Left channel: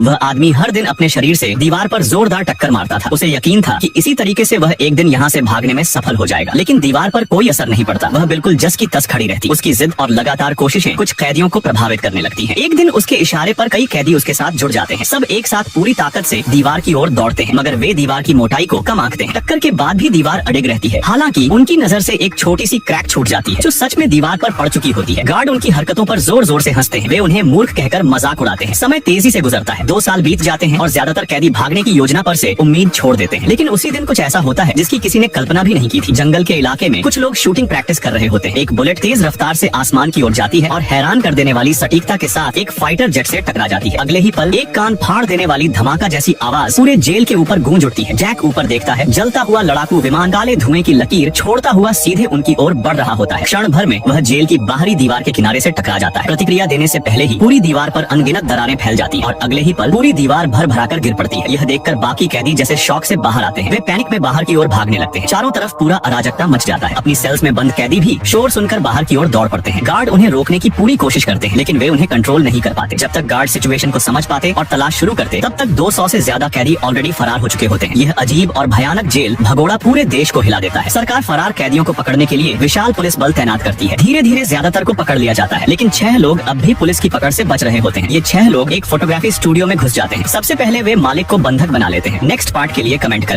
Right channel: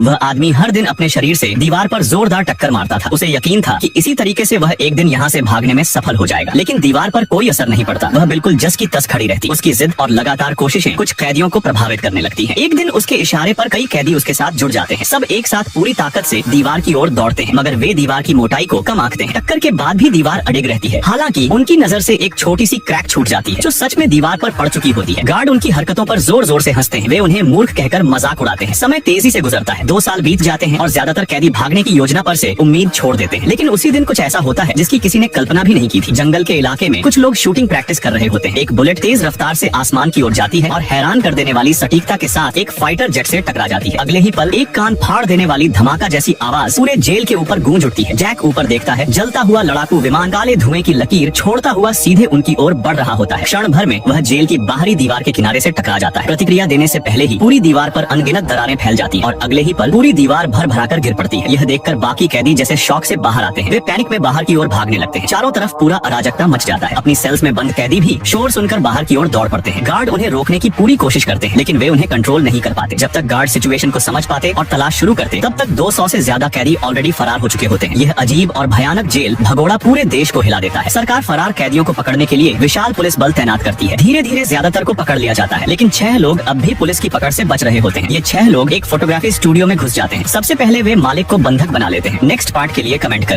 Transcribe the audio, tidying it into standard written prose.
वह आदमी हर दिन अपने शरीर से दीवार पर जोरदार टक्कर मारता था। उसे यकीन था कि इसी तरीके से वह एक दिन यहाँ से भागने में सफल हो जाएगा, लेकिन दीवार पर कोई असर नहीं पड़ता। वह बिल्कुल जस की तस खड़ी रहती। उसकी जिद और लगातार कोशिशें कुछ कैदियों को प्रभावित करने लगती हैं। एक दिन उसके इशारे पर कई कैदी उसके साथ जुड़ जाते हैं। सब एक साथ पूरी ताकत से दीवार की ओर दौड़ते हैं, मगर वे दीवार की मोटाई को कम आंकते हैं। टक्कर के बाद भी दीवार अडिग रहती है। हालांकि उनकी नजर से एक छोटी सी क्रैक छूट जाती है, जो सच में दीवार पर पड़ चुकी होती है। गार्ड उनकी हरकतों पर जोर जोर से हंसते हैं। वे उन्हें मूर्ख कहकर मजाक उड़ाते हैं। समय तेजी से गुजरता है। 2 साल बीत जाते हैं और ज्यादातर कैदी भागने की योजना पर से उम्मीद छोड़ देते हैं। लेकिन उसी दिन कुछ ऐसा होता है जिसकी किसी ने कल्पना भी नहीं की थी। जंगल के इलाके में कुछ लोग शूटिंग प्रैक्टिस कर रहे होते हैं। एक बुलेट तेज रफ्तार से आसमान की ओर जाती है और हैरान कर देने वाली सटीकता के साथ एक फाइटर जेट से टकरा जाती है। अगले ही पल एक कान फाड़ देने वाली धमाका जैसी आवाज पूरे जेल के ऊपर गूंज उठती है। जैक ऊपर देखता है। जलता हुआ लड़ाकू विमान काले धुएं की लकीर छोड़ता हुआ सीधे उनकी ओर बढ़ रहा होता है। क्षण भर में वह जेल की बाहरी दीवार के किनारे से टकरा जाता है। प्रतिक्रिया देने से पहले ही पूरी दीवार पर अनगिनत दरारें फैल जाती हैं और अगले ही पल पूरी दीवार भर भराकर गिर पड़ती है। यह देखकर बाकी कैदी जैसे शॉक से बाहर आते हैं। वे पैनिक में बाहर की ओर भागने लगते हैं। चारों तरफ पूरा अराजकता मच जाता है। अपनी सेल्स में बंद कैदी भी शोर सुनकर बाहर की ओर दौड़ पड़ते हैं। गार्ड उन्हें रोकने की पूरी कोशिश करते हैं, लेकिन वे उन्हें कंट्रोल नहीं कर पाते। जब तक गार्ड सिचुएशन को समझ पाते और तलाश शुरू करते, तब तक 200 से ज्यादा कैदी ऑलरेडी फरार हो चुके होते हैं। यह अजीब और भयानक जेल भगोड़ा पूरे देश को हिला देता है। सरकार फरार कैदियों को पकड़ने के लिए विशाल पुलिस बल तैनात करती है। धीरे धीरे ज्यादातर को पकड़ लिया जाता है, लेकिन 6 लोग अब भी पुलिस की पकड़ से बच रहे होते हैं। ये 6 लोग एक फोटोग्राफी स्टूडियो में घुस जाते हैं। सबसे पहले वे मालिक को बंधक बना लेते हैं। नेक्स्ट पार्ट के लिए कमेंट करें।